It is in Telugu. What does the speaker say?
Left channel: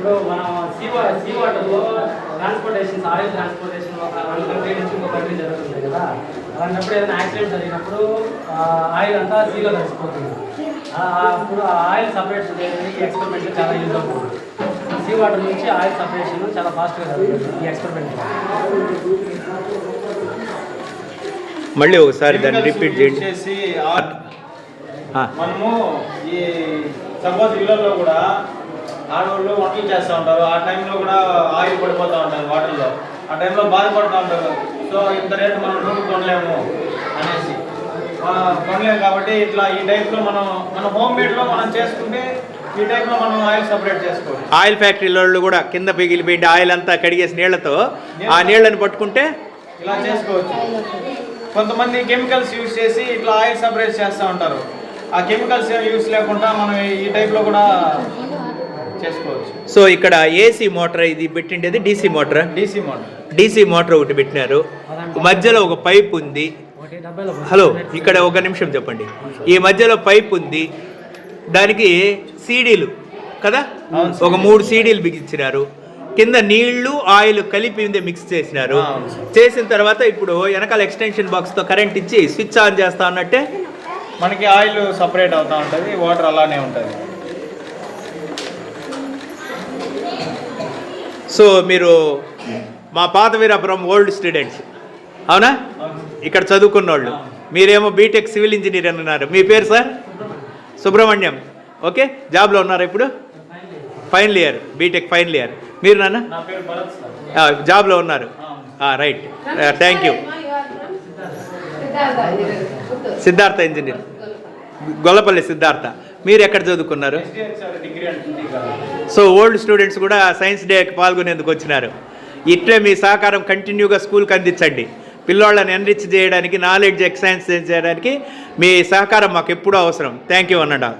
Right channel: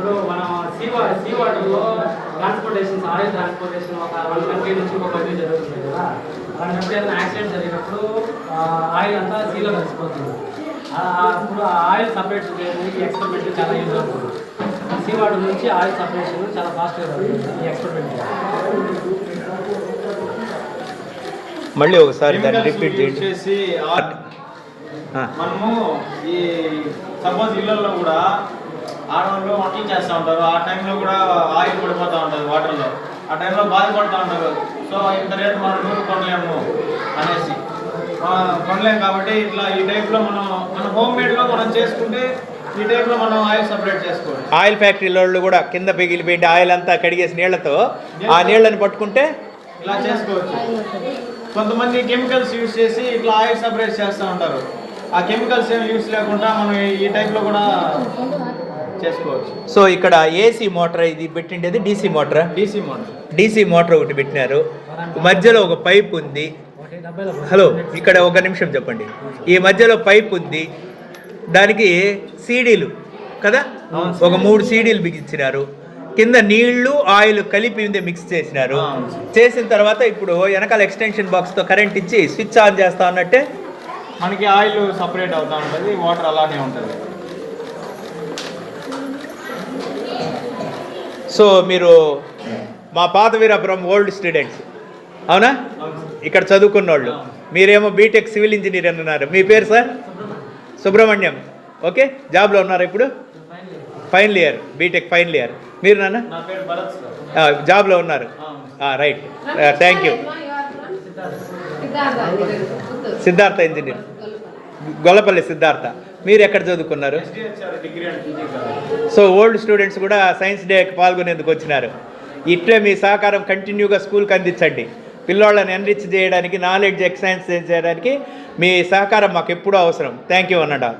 ఇప్పుడు మనం సీ వాటర్లో ట్రాన్స్పోర్టేషన్ ఆయిల్ ట్రాన్స్పోర్టేషన్ ఒక 1 కంట్రీ నుంచి ఇంకో కంట్రీ జరుగుతుంది కదా. అలాంటప్పుడు ఏదైనా యాక్సిడెంట్ జరిగినప్పుడు ఆయిల్ అంతా సీలో కలిసిపోతుంది. అప్పుడు ఆ ఆయిల్ సపరేషన్ చేయడానికి ఎక్స్పెరిమెంట్ చాలా యూజ్ అవుతుంది. సీ వాటర్ నుంచి ఆయిల్ సపరేషన్ చాలా ఫాస్ట్గా జరుగుతుంది ఈ ఎక్స్పెరిమెంట్. మళ్ళీ ఒకసారి దాన్ని రిపీట్ చేసి మనము ఈ సపోజ్ ఇళ్ళల్లో కూడా ఆడవాళ్ళు వంటలు చేస్తూ ఉంటారు. ఆ టైంలో కూడా ఆయిల్ పడిపోతూ ఉంటుంది వాటర్లో. ఆ టైంలో బాధపడుతూ ఉంటారు. సో ఇంత రేటు మనం నూరు కొనలేము అనేసి కొనలేము. కాబట్టి ఇట్లా ఈ టైప్లో మన హోమ్ మేడ్లో మనం చేసుకుంటే ఈ టైప్లో మనం ఆయిల్ సపరేట్ చేసుకోవాలి. ఆయిల్ ఫ్యాక్టరీలో కూడా కింద పిగిలిపోయింది ఆయిల్ అంతా కడిగేసి నీళ్లతో ఆ నీళ్ళని పట్టుకుంటే ఇలా చేసుకోవచ్చు. కొంతమంది కెమికల్స్ యూజ్ చేసి ఇట్లా ఆయిల్ సపరేట్ చేస్తూ ఉంటారు. ఆ కెమికల్స్ ఏమి యూజ్ లేకుండా మనం ఈ టైప్లో కూడా చేసుకోవచ్చు. సో ఇక్కడ ఏసీ మోటార్ ఇది పెట్టిండేది డీసీ మోటార్. డీసీ మోటార్ ఒకటి పెట్టినారు. మధ్యలో ఒక పైప్ ఉంది. హలో, ఇక్కడ ఒక నిమిషం చెప్పండి. ఈ మధ్యలో పైప్ ఉంది. దానికి సీడీలు కదా, ఒక 3 సీడీలు బిగించినారు. కింద నీళ్లు ఆయిల్ కలిపి మిక్స్ చేసినారు. చేసిన తర్వాత ఇప్పుడు వెనకాల ఎక్స్టెన్షన్ బాక్స్తో కరెంట్ ఇచ్చి స్విచ్ ఆన్ చేస్తా ఉన్నట్టే మనకి ఆయిల్ సపరేట్ అవుతూ ఉంటుంది, వాటర్ అలానే ఉంటుంది. సో మీరు మా పాత వీరాపురం ఓల్డ్ స్టూడెంట్స్ అవునా? ఇక్కడ చదువుకున్న వాళ్ళు. మీరేమో బీటెక్ సివిల్ ఇంజనీర్ అన్నారు. మీ పేరు సార్? సుబ్రహ్మణ్యం. ఓకే, జాబ్లో ఉన్నారా ఇప్పుడు? Final year, BTech final year. మీరు నాన్న? జాబ్లో ఉన్నారు. Right, thank you. Siddhartha engineer, Gollapalli Siddhartha. మీరు ఎక్కడ చదువుకున్నారు? సో ఓల్డ్ స్టూడెంట్స్ కూడా సైన్స్ డేకి పాల్గొనేందుకు వచ్చినారు. ఇట్లే మీ సహకారం కంటిన్యూగా స్కూల్కి అందించండి. పిల్లవాళ్ళని ఎన్రిచ్ చేయడానికి, నాలెడ్జ్ ఎక్సైన్స్ చేయడానికి మీ సహకారం మాకు ఎప్పుడూ అవసరం. Thank you అన్నడా.